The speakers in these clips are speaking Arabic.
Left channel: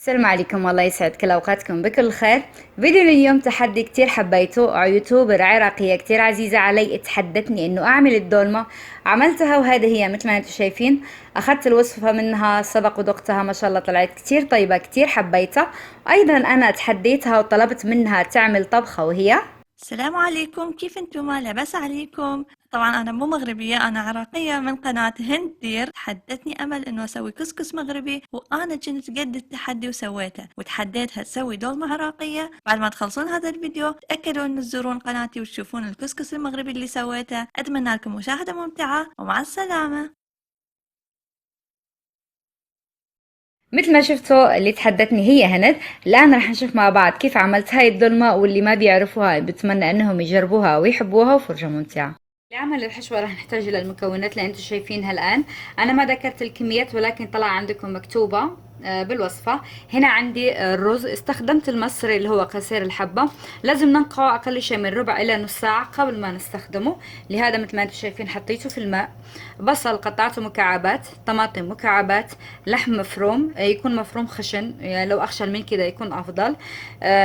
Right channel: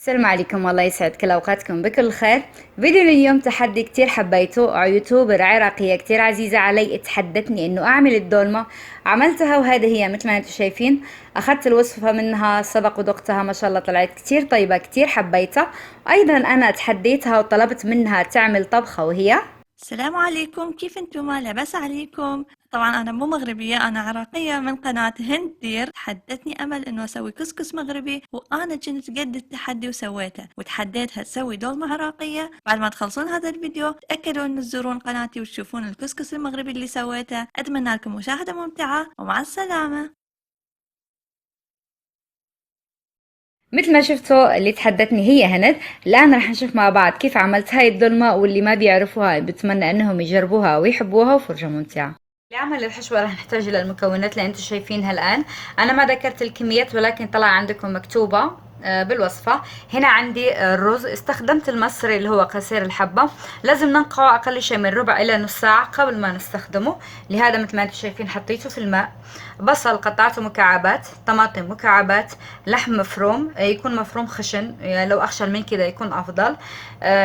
السلام عليكم، والله يسعد كل اوقاتكم بكل خير. فيديو اليوم تحدي كتير حبيته، يوتيوبر عراقية كتير عزيزة علي تحدتني انه اعمل الدولمة. عملتها وهذه هي مثل ما انتم شايفين. اخذت الوصفة منها سبق ودقتها، ما شاء الله طلعت كتير طيبة، كتير حبيتها. وايضا انا تحديتها وطلبت منها تعمل طبخة وهي السلام عليكم، كيف انتم؟ لاباس عليكم؟ طبعا انا مو مغربيه، انا عراقيه من قناه هند دير. تحدتني امل انه اسوي كسكس مغربي، وانا كنت قد التحدي وسويته، وتحديتها تسوي دولمه عراقيه. بعد ما تخلصون هذا الفيديو تاكدوا ان تزورون قناتي وتشوفون الكسكس المغربي اللي سويته. اتمنى لكم مشاهده ممتعه، ومع السلامه. مثل ما شفتوا اللي تحدتني هي هند. الآن رح نشوف مع بعض كيف عملت هاي الدولمة، واللي ما بيعرفوها بتمنى انهم يجربوها ويحبوها، وفرجة ممتعة. لعمل الحشوة رح نحتاج إلى المكونات اللي انتم شايفينها الآن. أنا ما ذكرت الكميات ولكن طلع عندكم مكتوبة بالوصفة. هنا عندي الرز، استخدمت المصري اللي هو قصير الحبة. لازم ننقعه أقل شيء من ربع إلى نص ساعة قبل ما نستخدمه، لهذا مثل ما انتم شايفين حطيته في الماء. بصل قطعته مكعبات، طماطم مكعبات، لحم مفروم، يكون مفروم خشن، يعني لو أخشن من كده يكون أفضل.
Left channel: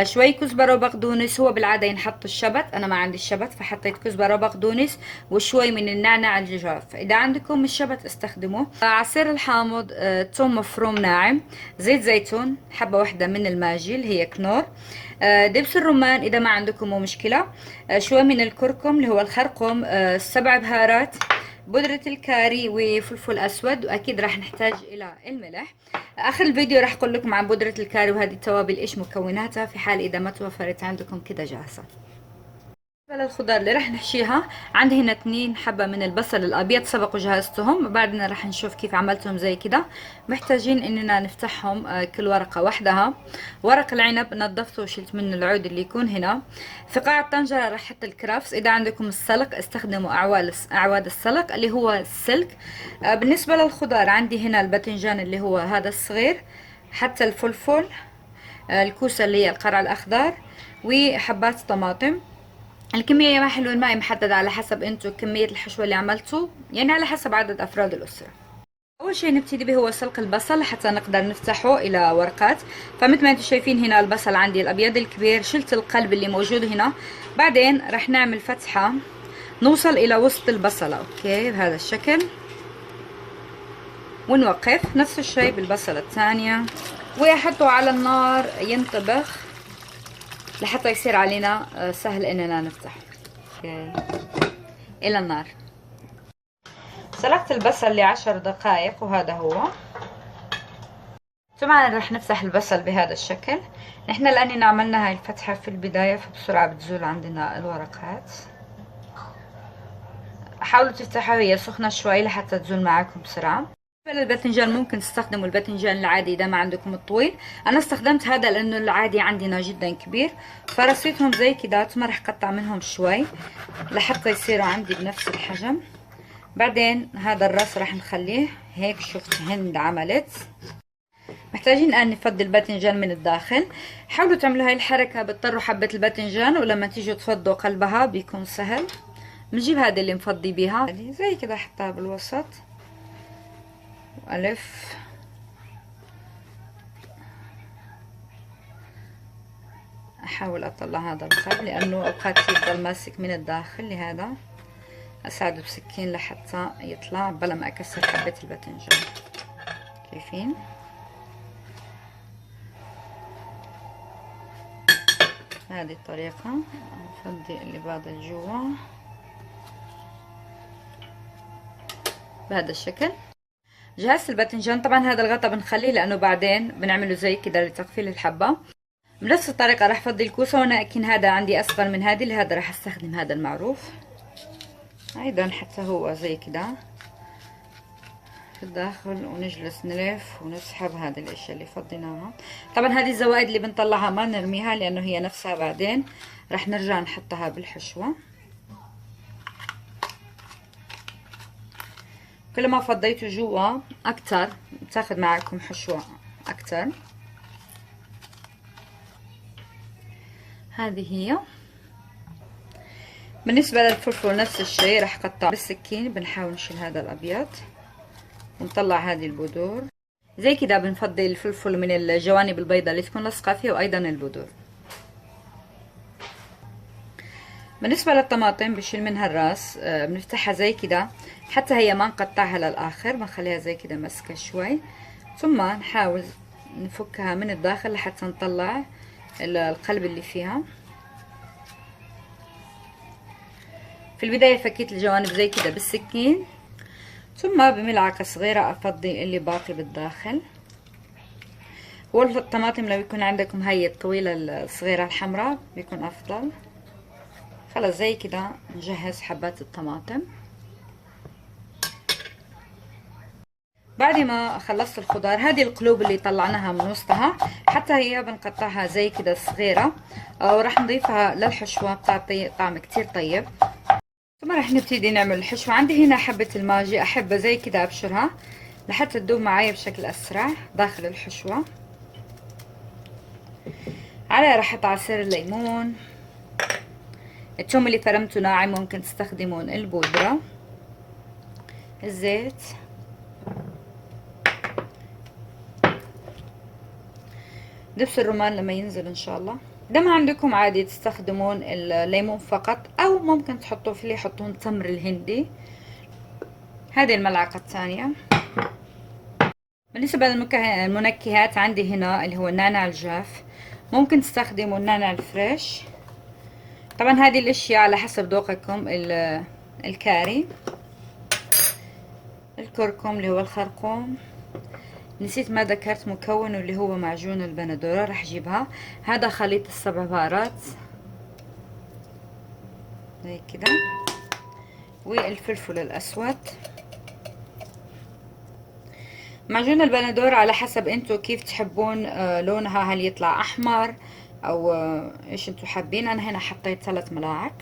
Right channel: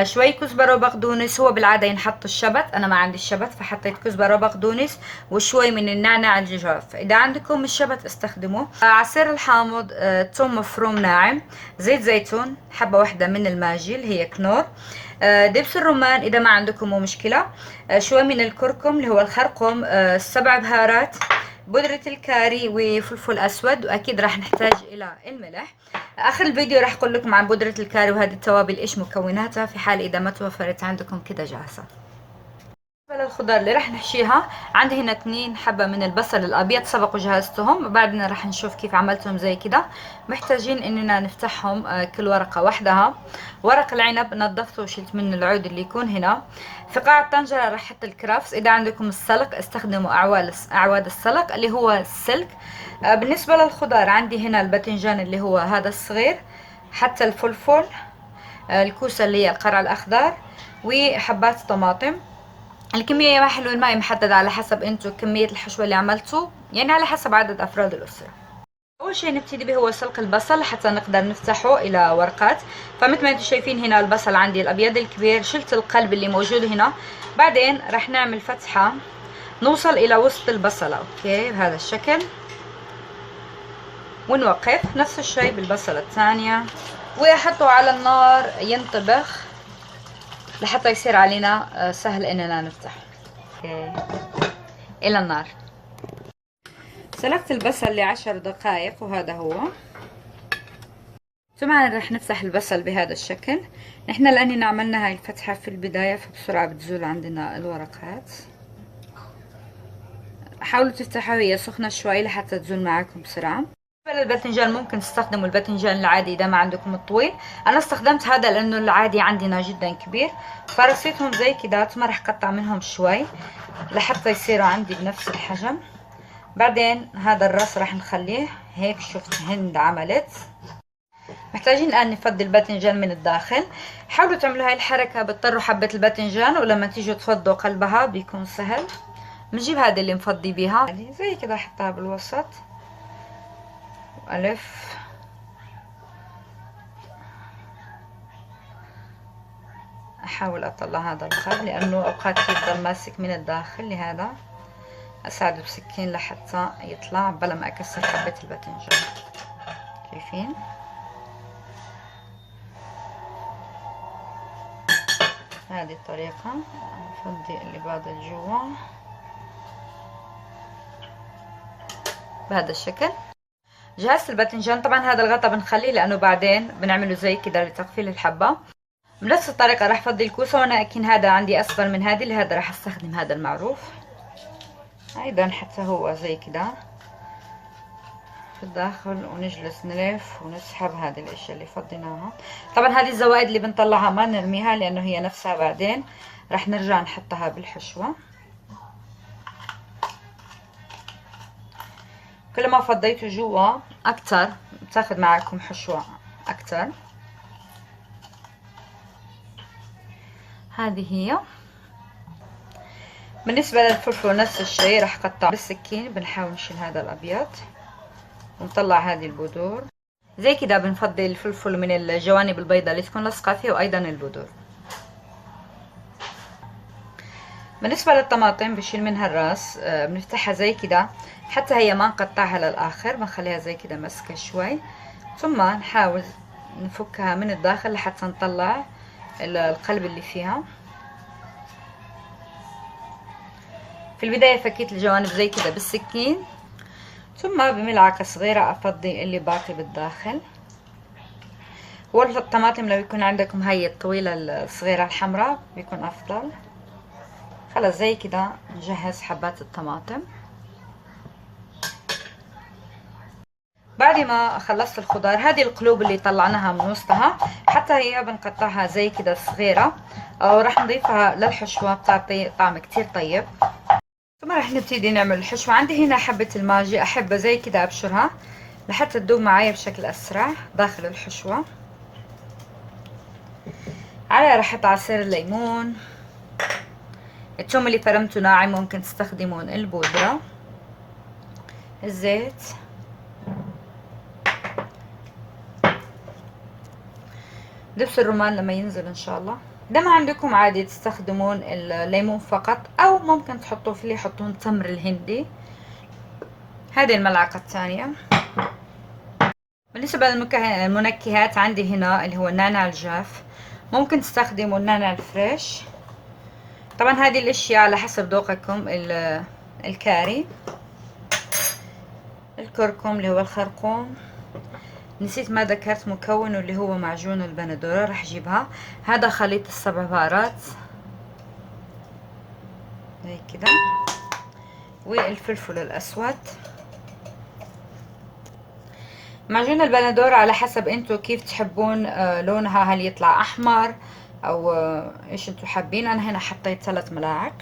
شوي كزبرة وبقدونس، هو بالعادة ينحط الشبت، أنا ما عندي الشبت فحطيت كزبرة وبقدونس، وشوي من النعناع الججاف. إذا عندكم الشبت استخدموه. عصير الحامض، ثوم مفروم ناعم، زيت زيتون، حبة واحدة من الماجي اللي هي كنور، دبس الرمان إذا ما عندكم مو مشكلة، شوي من الكركم اللي هو الخرقوم، 7 بهارات، بودرة الكاري وفلفل أسود، وأكيد راح نحتاج إلى الملح. آخر الفيديو راح أقول لكم عن بودرة الكاري وهذه التوابل إيش مكوناتها في حال إذا ما توفرت عندكم كده جاهزة. بالنسبة للخضار اللي راح نحشيها، عندي هنا 2 حبة من البصل الأبيض سبق وجهزتهم، بعدين راح نشوف كيف عملتهم زي كده. محتاجين إننا نفتحهم كل ورقة وحدها. ورق العنب نظفته وشلت منه العود اللي يكون هنا. في قاع الطنجرة راح أحط الكرفس، إذا عندكم السلق استخدموا أعواد السلق اللي هو السلك. بالنسبة للخضار عندي هنا الباذنجان اللي هو هذا الصغير، حتى الفلفل، الكوسة اللي هي القرع الأخضر، وحبات طماطم. الكمية ما حلو الماء محدد على حسب انتو كمية الحشوة اللي عملتوا، يعني على حسب عدد افراد الاسرة. اول شيء نبتدي به هو سلق البصل حتى نقدر نفتحه الى ورقات. فمثل ما انتم شايفين هنا البصل عندي الابيض الكبير، شلت القلب اللي موجود هنا. بعدين راح نعمل فتحة نوصل الى وسط البصلة، اوكي بهذا الشكل، ونوقف. نفس الشيء بالبصلة الثانية، واحطه على النار ينطبخ لحتى يصير علينا سهل اننا نفتح. اوكي الى النار. سلقت البصل ل10 دقائق وهذا هو. طبعا رح نفتح البصل بهذا الشكل. نحن لاننا عملنا هاي الفتحة في البداية فبسرعة بتزول عندنا الورقات. حاولوا تفتحوها وهي سخنة شوي لحتى تزول معاكم بسرعة. بالنسبة للباذنجان ممكن تستخدموا الباذنجان العادي اذا ما عندكم الطويل. انا استخدمت هذا لانه العادي عندنا جدا كبير، فرصيتهم زي كده. ما رح قطع منهم شوي لحتى يصيروا عندي بنفس الحجم. بعدين هذا الراس راح نخليه هيك. شفت هند عملت. محتاجين الان نفضي الباذنجان من الداخل. حاولوا تعملوا هاي الحركة، بتطروا حبة الباذنجان ولما تيجوا تفضوا قلبها بيكون سهل. بنجيب هذه اللي نفضي بيها زي كده، احطها بالوسط والف. احاول اطلع هذا القلب لانه اوقات كثير ضل ماسك من الداخل، لهذا اساعده بسكين لحتى يطلع بلا ما اكسر حبة الباذنجان. شايفين؟ هذه الطريقة. نفضي اللي بعد جوا بهذا الشكل. جهزت الباذنجان. طبعا هذا الغطا بنخليه لانه بعدين بنعمله زي كده لتقفيل الحبة. بنفس الطريقة راح افضي الكوسة، وانا اكين هذا عندي اصغر من هذه، لهذا راح استخدم هذا المعروف ايضا حتى هو زي كده في الداخل، ونجلس نلف ونسحب هذه الاشياء اللي فضيناها. طبعا هذه الزوائد اللي بنطلعها ما نرميها لانه هي نفسها بعدين راح نرجع نحطها بالحشوة. كل ما فضيتوا جوا اكتر بتاخد معكم حشوة اكتر. هذه هي. بالنسبة للفلفل نفس الشيء، راح اقطع بالسكين. بنحاول نشيل هذا الابيض ونطلع هذه البذور. زي كده بنفضل الفلفل من الجوانب البيضاء اللي تكون لصقة فيه، وايضا البذور. بالنسبة للطماطم بشيل منها الراس، بنفتحها زي كده حتى هي ما نقطعها للآخر، بنخليها زي كده مسكة شوي، ثم نحاول نفكها من الداخل لحتى نطلع القلب اللي فيها. في البداية فكيت الجوانب زي كده بالسكين، ثم بملعقة صغيرة أفضي اللي باقي بالداخل. والطماطم لو يكون عندكم هاي الطويلة الصغيرة الحمراء بيكون أفضل. خلاص زي كده نجهز حبات الطماطم. بعد ما خلصت الخضار، هذه القلوب اللي طلعناها من وسطها حتى هي بنقطعها زي كده صغيرة، وراح نضيفها للحشوة، بتعطي طعم كتير طيب. ثم راح نبتدي نعمل الحشوة. عندي هنا حبة الماجي، أحب زي كده أبشرها لحتى تدوب معايا بشكل أسرع داخل الحشوة. على راح أحط عصير الليمون، الثوم اللي فرمته ناعم ممكن تستخدمون البودرة، الزيت، دبس الرمان لما ينزل ان شاء الله. ده ما عندكم عادي تستخدمون الليمون فقط، او ممكن تحطوا فيه يحطون تمر الهندي. هذه الملعقة الثانية. بالنسبة للمنكهات عندي هنا اللي هو النعناع الجاف، ممكن تستخدموا النعناع الفريش. طبعا هذه الاشياء على حسب ذوقكم. الكاري، الكركم اللي هو الخرقوم، نسيت ما ذكرت مكونه اللي هو معجون البندورة، راح اجيبها. هذا خليط السبع بهارات زي كده، والفلفل الاسود. معجون البندورة على حسب انتو كيف تحبون لونها، هل يطلع احمر او ايش انتو حابين. انا هنا حطيت 3 ملاعق.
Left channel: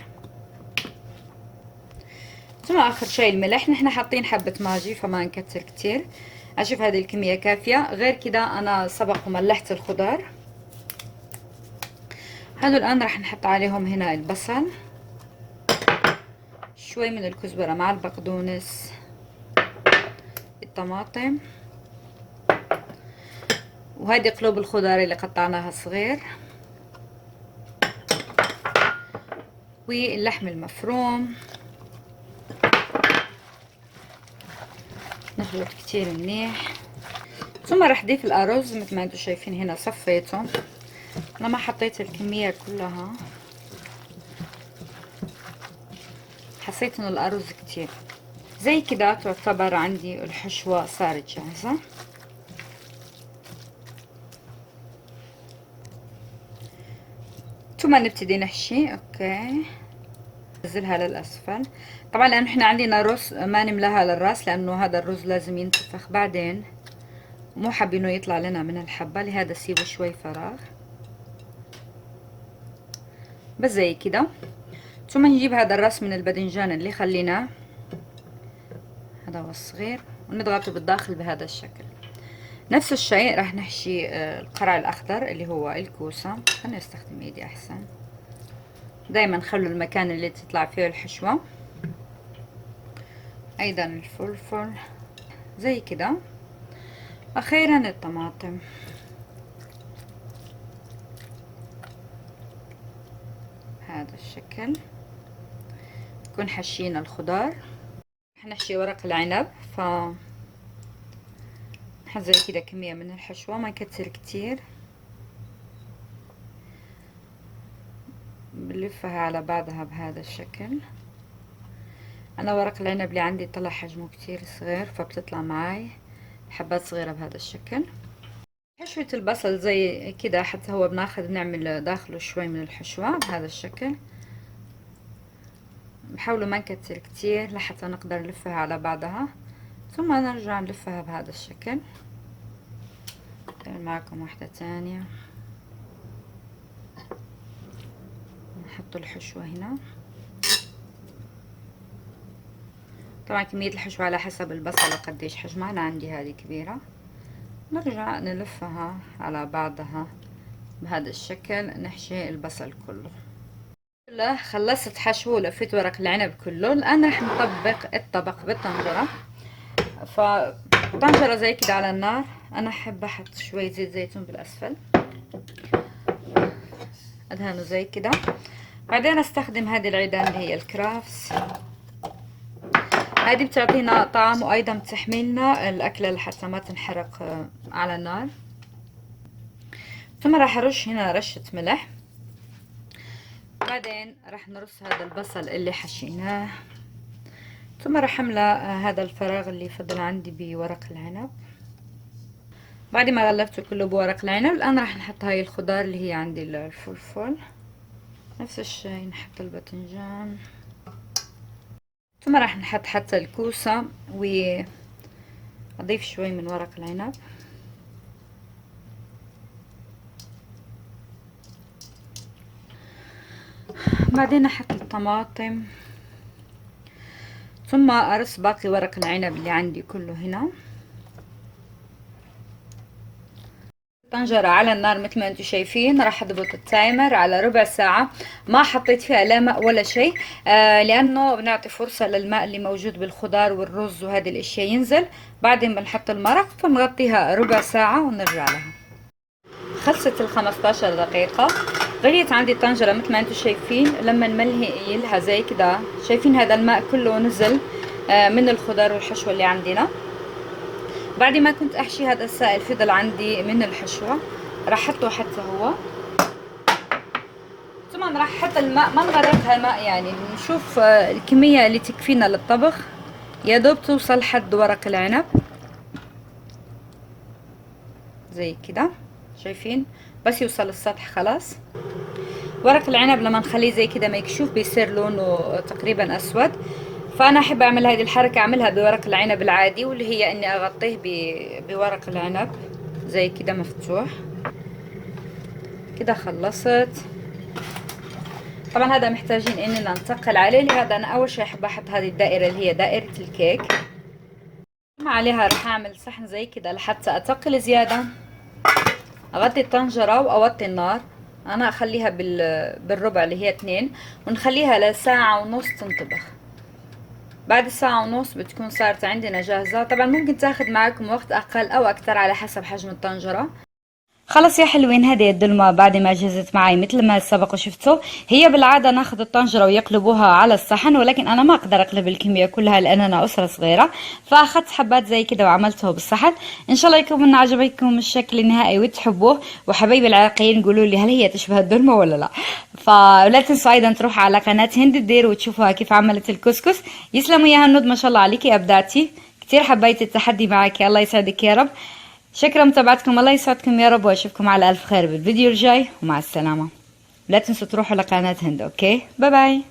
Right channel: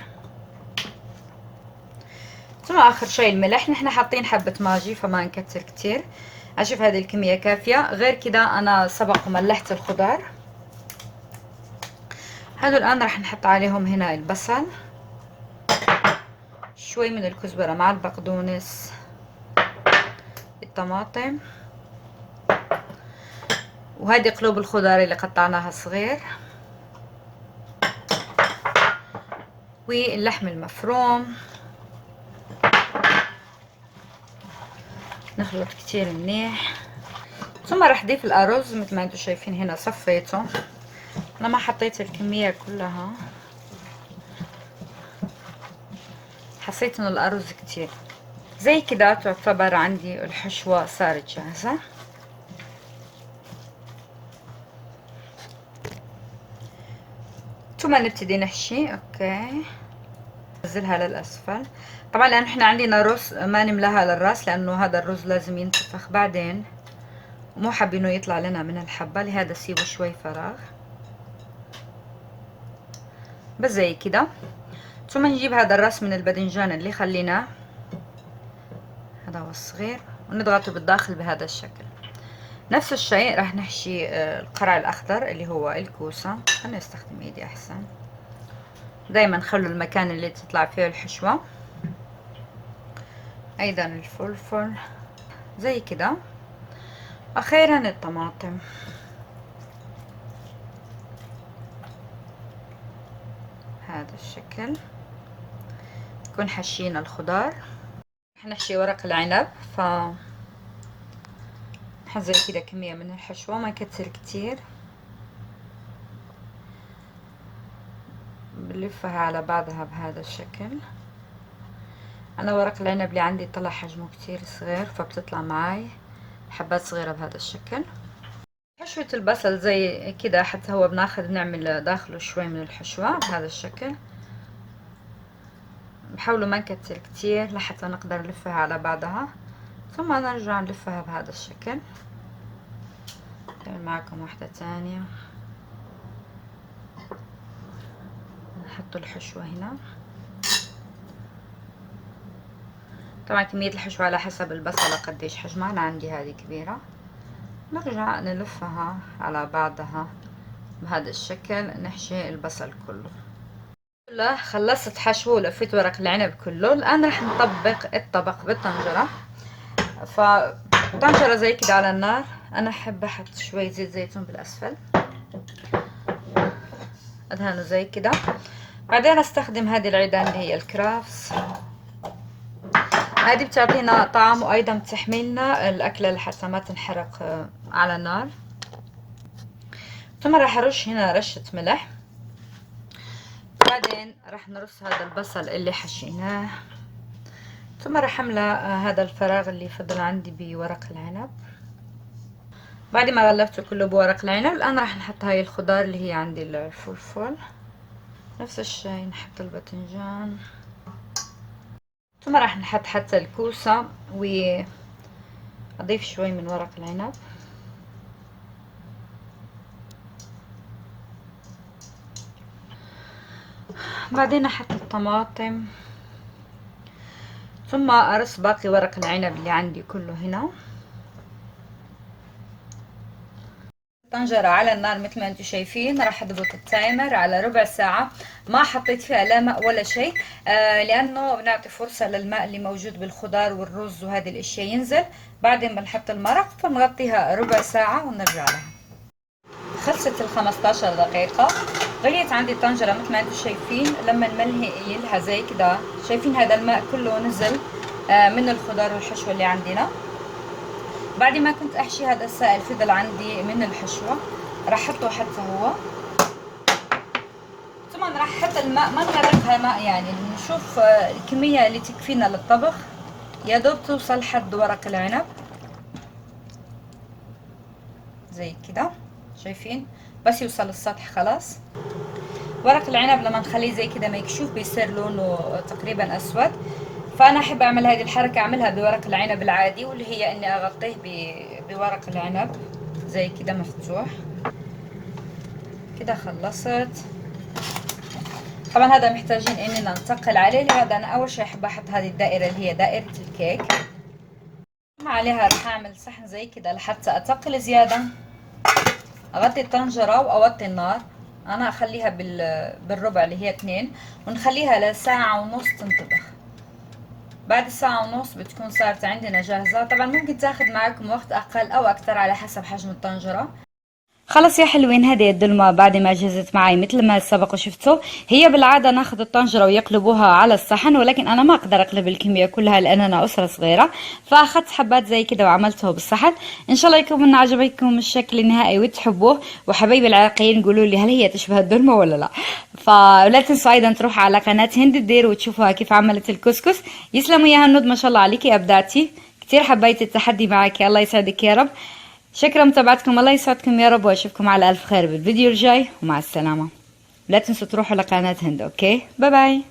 ثم اخر شيء الملح، نحن حاطين حبة ماجي فما نكتر كتير. اشوف هذه الكمية كافية. غير كده انا سبق وملحت الخضار. هذول الان راح نحط عليهم هنا البصل، شوي من الكزبرة مع البقدونس، الطماطم، وهذه قلوب الخضار اللي قطعناها صغير، واللحم المفروم. نخلط كتير منيح. ثم راح اضيف الارز مثل ما انتم شايفين هنا صفيته. انا ما حطيت الكمية كلها، حسيت ان الارز كتير. زي كده تعتبر عندي الحشوة صارت جاهزة. ثم نبتدي نحشي. اوكي، ننزلها للاسفل. طبعا لان احنا عندنا رز ما نملاها للراس، لانه هذا الرز لازم ينتفخ بعدين، مو حابينه يطلع لنا من الحبة، لهذا سيبه شوي فراغ بس زي كده. ثم نجيب هذا الراس من الباذنجان اللي خليناه، هذا هو الصغير، ونضغطه بالداخل بهذا الشكل. نفس الشيء راح نحشي القرع الاخضر اللي هو الكوسة. خليني استخدم ايدي احسن. دايما خلوا المكان اللي تطلع فيه الحشوة. ايضا الفلفل زي كده. اخيرا الطماطم. هذا الشكل نكون حشينا الخضار. حنحشي ورق العنب، ف نحط زي كده كمية من الحشوة، ما نكتر كتير. بنلفها على بعضها بهذا الشكل. انا ورق العنب اللي عندي طلع حجمه كتير صغير، فبتطلع معاي حبات صغيرة بهذا الشكل. حشوة البصل زي كده، حتى هو بناخذ نعمل داخله شوي من الحشوة بهذا الشكل. بحاولوا ما نكتر كتير لحتى نقدر نلفها على بعضها، ثم نرجع نلفها بهذا الشكل. نعمل معكم واحدة تانية. نحط الحشوة هنا. طبعا كمية الحشوة على حسب البصلة قديش حجمها. أنا عندي هذه كبيرة. نرجع نلفها على بعضها بهذا الشكل. نحشي البصل كله. خلصت حشو ولفيت ورق العنب كله. الآن راح نطبق الطبق بالطنجرة. فطنجرة زي كده على النار، انا احب احط شوية زيت زيتون بالاسفل، ادهنه زي كده. بعدين استخدم هذه العيدان اللي هي الكرافتس، هذه بتعطينا طعم وايضا بتحملنا الاكلة لحتى ما تنحرق على النار. ثم راح ارش هنا رشة ملح. بعدين راح نرص هذا البصل اللي حشيناه. ثم راح املأ هذا الفراغ اللي فضل عندي بورق العنب. بعد ما غلفته كله بورق العنب، الان راح نحط هاي الخضار اللي هي عندي الفلفل، نفس الشيء نحط الباذنجان. ثم راح نحط حتى الكوسة واضيف شوي من ورق العنب. بعدين احط الطماطم، ثم ارص باقي ورق العنب اللي عندي كله هنا. الطنجرة على النار مثل ما انتم شايفين. راح اضبط التايمر على ربع ساعة، ما حطيت فيها لا ماء ولا شيء، لانه بنعطي فرصة للماء اللي موجود بالخضار والرز وهذه الاشياء ينزل. بعدين بنحط المرق فنغطيها ربع ساعة ونرجع لها. خلصت ال 15 دقيقة. غليت عندي الطنجرة مثل ما انتم شايفين. لما نملي لها زي كده، شايفين هذا الماء كله نزل من الخضار والحشوة اللي عندنا. بعد ما كنت احشي هذا السائل فضل عندي من الحشوة، راح احطه حتى هو. ثم راح احط الماء، ما نغرقها الماء، يعني نشوف الكمية اللي تكفينا للطبخ، يا دوب توصل حد ورق العنب زي كده. شايفين بس يوصل السطح خلاص. ورق العنب لما نخليه زي كده مكشوف بيصير لونه تقريبا اسود، فانا احب اعمل هذه الحركة، اعملها بورق العنب العادي، واللي هي اني اغطيه بورق العنب زي كده مفتوح كده. خلصت. طبعا هذا محتاجين اننا نثقل عليه، لهذا انا اول شيء احب احط هذه الدائرة اللي هي دائرة الكيك. عليها راح اعمل صحن زي كده لحتى اثقل زيادة. اغطي الطنجرة واوطي النار. انا اخليها بالربع اللي هي 2، ونخليها لساعة ونص تنطبخ. بعد ساعة ونص بتكون صارت عندنا جاهزة. طبعا ممكن تاخد معكم وقت اقل او اكتر على حسب حجم الطنجرة. خلص يا حلوين، هذه الدلمة بعد ما جهزت معي مثل ما سبق وشفتوا. هي بالعادة ناخذ الطنجرة ويقلبوها على الصحن، ولكن انا ما اقدر اقلب الكمية كلها لاننا اسرة صغيرة، فاخذت حبات زي كده وعملته بالصحن. ان شاء الله يكون عجبكم الشكل النهائي وتحبوه. وحبايبي العراقيين قولوا لي هل هي تشبه الدلمة ولا لا. فلا تنسوا ايضا تروحوا على قناة هند الدير وتشوفوها كيف عملت الكسكس. يسلموا يا هنود، ما شاء الله عليكي ابدعتي كثير. حبيت التحدي معك، الله يسعدك يا رب. شكرا متابعتكم، الله يسعدكم يا رب، واشوفكم على الف خير بالفيديو الجاي، ومع السلامة. لا تنسوا تروحوا لقناة هند. اوكي، باي باي.